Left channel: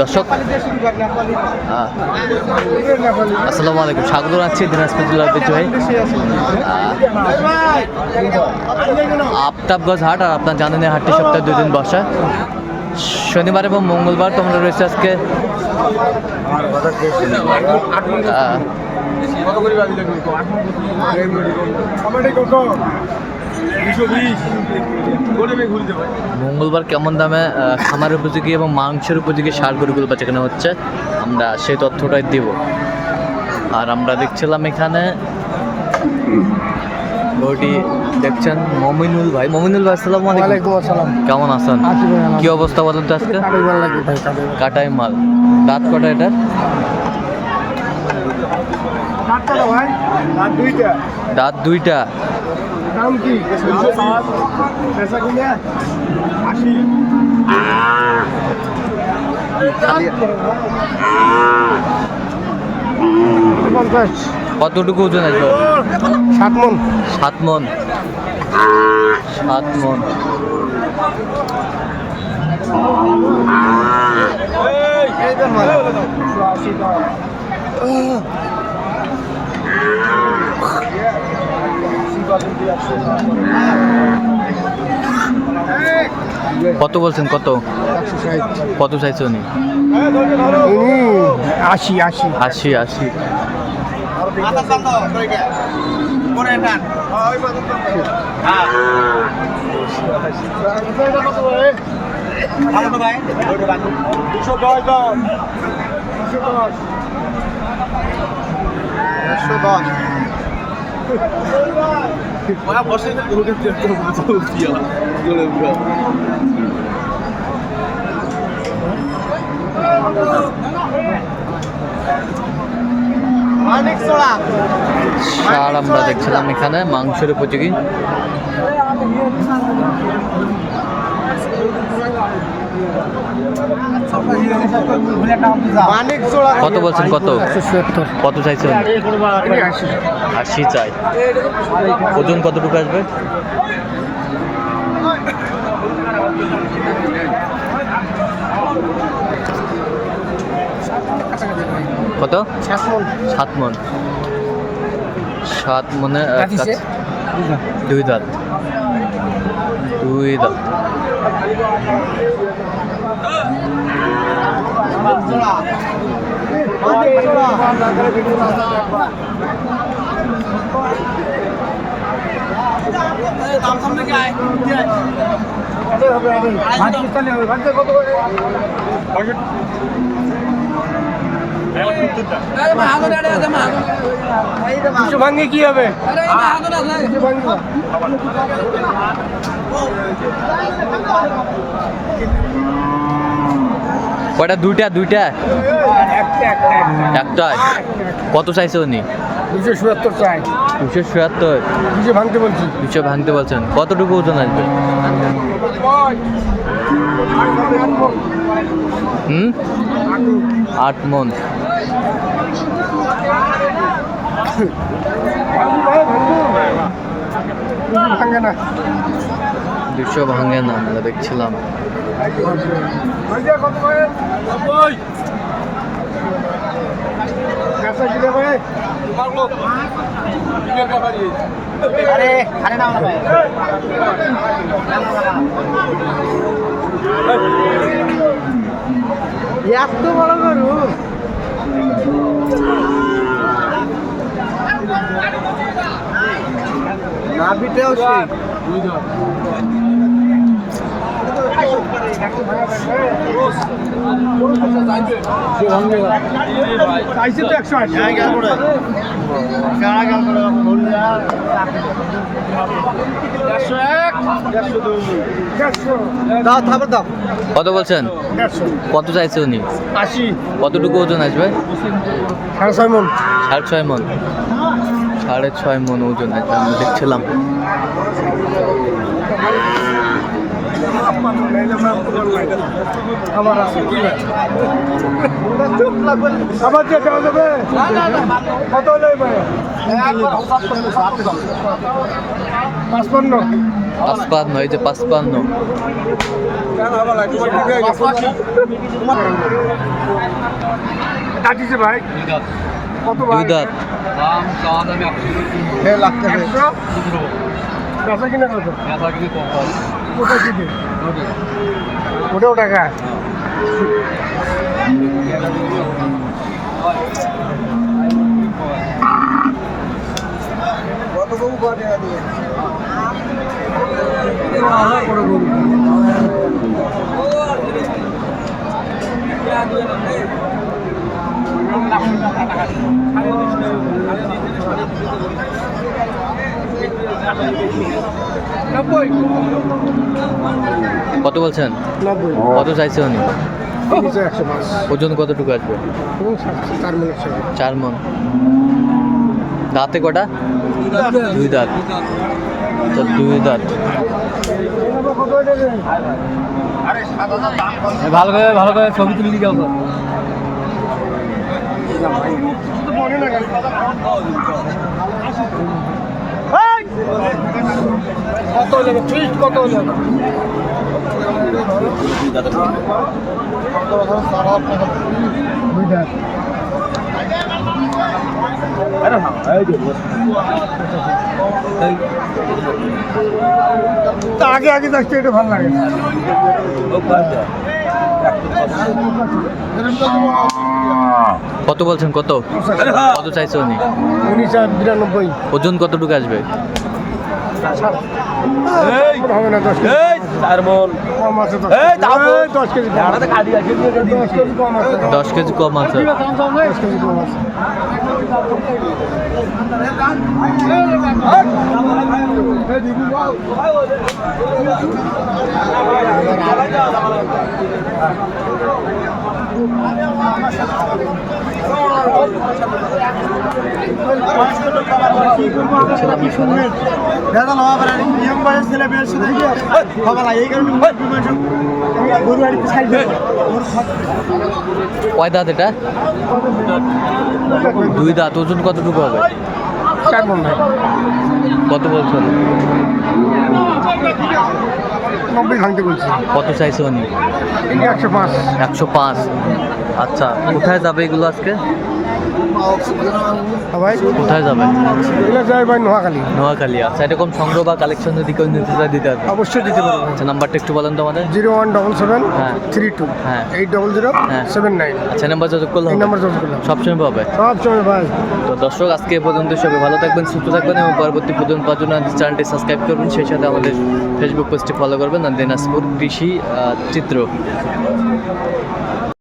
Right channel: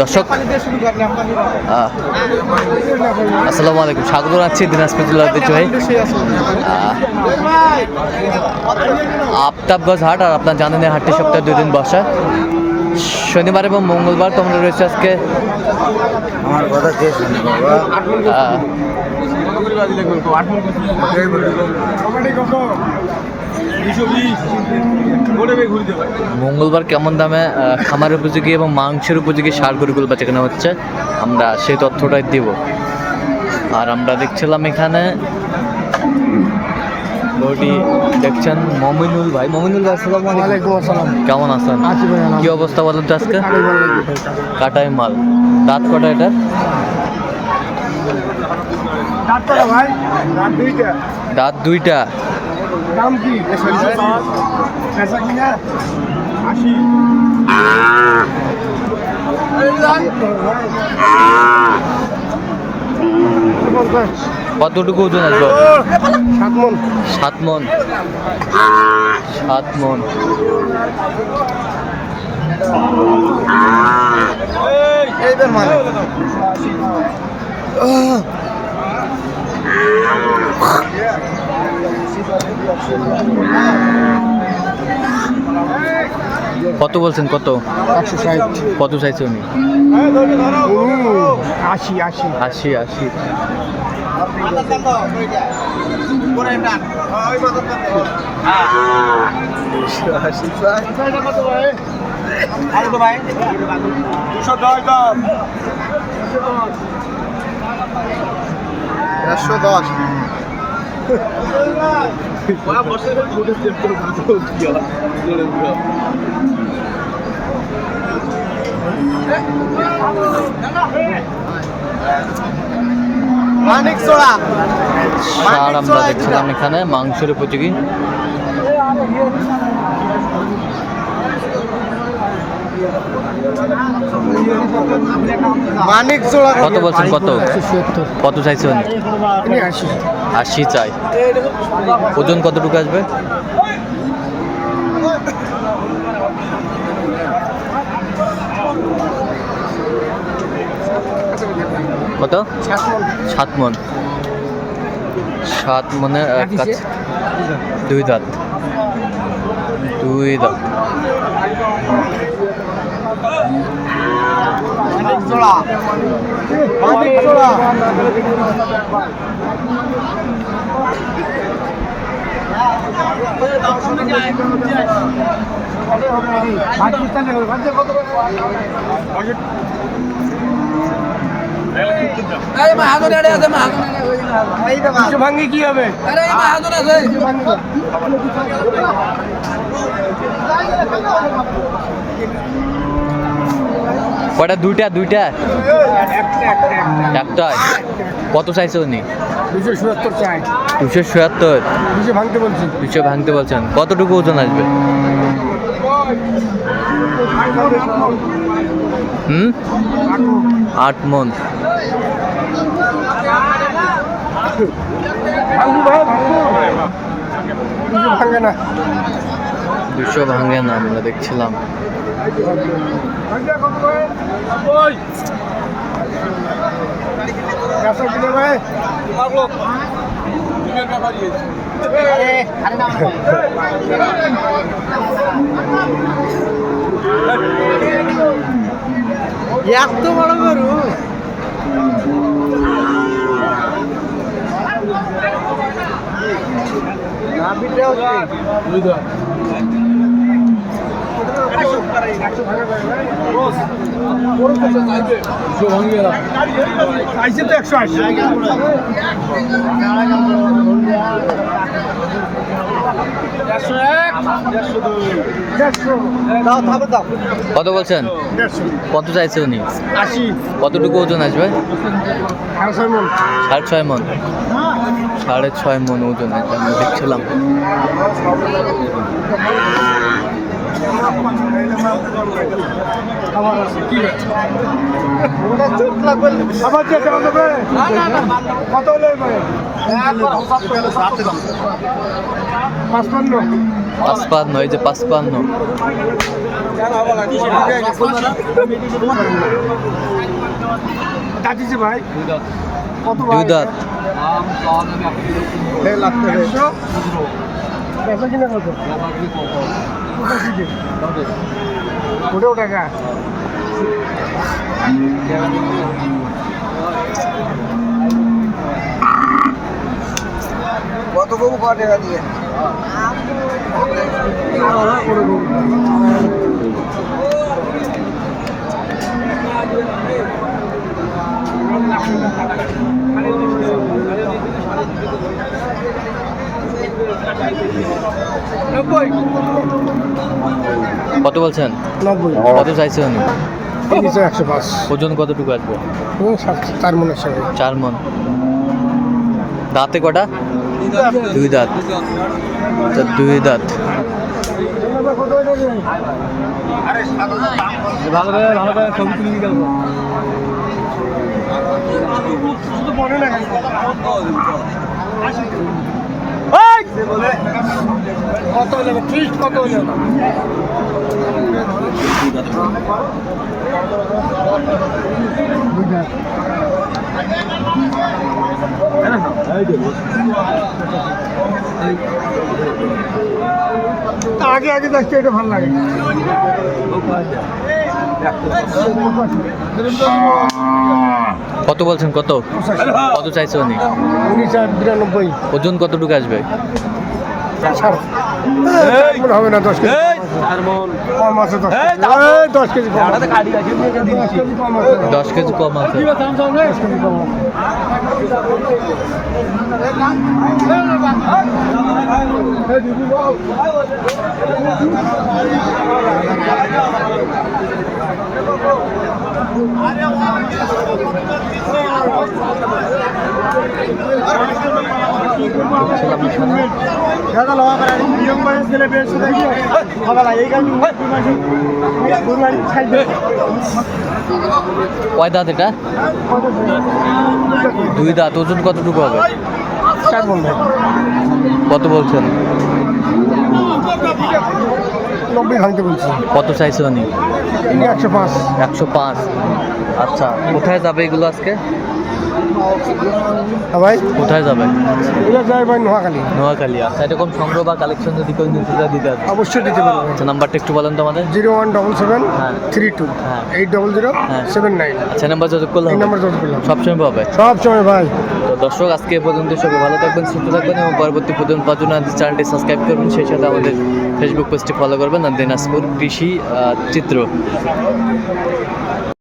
দর্শক আসসালামু আলাইকুম, স্বাগত জানাচ্ছি দিনাজপুর জেলার ঐতিহ্যবাহী আফতাবগঞ্জ হাট। আর আপনার জানেন এই হাটটি সপ্তাহে 2 দিন বসে, শনিবার এবং মঙ্গলবার। তোমরা রয়েছে আজকে মঙ্গলবার কেমন দামে খামার উপযোগী এবং মাংসের উপযোগী ষাঁড় গরুগুলো বেচা কেনা হচ্ছে, আমরা সেই তথ্যটাই দিব। আর আমরা দেখছিলাম এখানে গরুটি দেখছেন মমিনুল ভাই। মমিনুল ভাই আসসালামু আলাইকুম। কেমন আছেন? কি অবস্থা বলেন তো আজকে? কাটাই মাল। দাঁত কটা এটা? দাঁত দুইটা। দাম কি? কতটুকু ওজন আসবো? 7 মণ। 7 মণ। 7 মণ। কত বলছেন? কত? 160। কত চাইছে উনি? 80 80 80 80। ষাঁড় আমরা দেখছিলাম এখানে মাংসের উপযোগী। কত বলছেন? কত? কত চাইছেন? 80 চাই। ওজন কতটুকু আসবে? কত? 7 মণ। 7 মণের কাছে 2 দাঁত। 2 দাঁত। ভাঙ্গি কি হবে? কয়টা? দুইটা। দুইটা একটাই। কত চাইছে উনি? 270 চাই। 270। 200 ভাঙতে বলছি। 200 ভাঙতে বলছেন। কতটুকু ওজন আসবে? 8 মণ। 200 ভাঙে না, আমরা দেখছিলাম। এত বড় গরু না বিটেও আইসে তো 180। কত বলছেন? কত চাইছে উনি? 80। কতটুকু ওজন আসবে? 6.5 মণ। 6.5 মণ। 6.5 মণ ওজন আসবে, আমরা দেখছিলাম। আবার যে কেন দেবে? কত হলে 55। 55। এই যে 55। দাঁতিছে ভাই কত দুই দাঁত। 1.5 লাখ টাকা বেচা কিনা কত কোথায় কি দিন ওটাও টাকা কত গরু কত টাকা দিয়ে কত বলছেন? 90 কত চাইছে উনি? 105 ওজন কতটুকু আসবে? এবং 4 মনের সঙ্গে 4 মন। দাঁতে কটা? দুই দাঁত। আচ্ছা, দুই দাঁত। কত আরে 7000 দাম কম ভালো করে ছবি তুলে দিও শুধু বলে না কেন কত যাবে ফিক্স কত যাবে আগে আগে দেখতে এটা ভালো লাগে কত বলছেন? কত কত চাইছে উনি? 1992 ওজন কতটুকু আসবে? হবে না 10 কেজি কম আছে 10 কেজি কম আছে 10 কেজি কম আছে 10 কেজি কম আছে। 10 কেজি কম আছে ছিলাম এখানে। কয় দাঁত এটা? দুই দাঁত। ওজন কতটুকু হবে? 4 মণ ভাই কত বলছেন? 90 ভাঙতে বলছি কত চাইছে উনি? 105 105। আচ্ছা, কোথায় যাবে এগুলো আজকে? ভাই কোথায় যাবে? এগুলো যাই ভাই নোয়াখালী নোয়াখালী। আচ্ছা, এরকম সংগ্রহ বা কালেকশন যদি কেউ নিতে চায় দিতে হবে? অবশ্যই দিতে পারবো আচ্ছা, নাম্বারটা একটু বলেন তো আমাদের। 0177 হ্যাঁ। 32 হ্যাঁ। 800 হ্যাঁ। 79 আচ্ছা, নাম্বার যোগাযোগ করলে এই হবে? নাম্বার যোগ করলাম সবসময় পাবে। সব সময় ভাই তো দর্শক, আজকে এ পর্যন্ত। সবাই ভালো থাকবেন, সুস্থ থাকবেন এবং পরবর্তী পর্যন্ত পাওয়ার জন্য আমাদের চ্যানেলটি সাবস্ক্রাইব করবেন। সেই সাথে আমাদের ফেসবুক পেজটি ফলো করবেন, আর দিনাজপুর কৃষি চিত্র।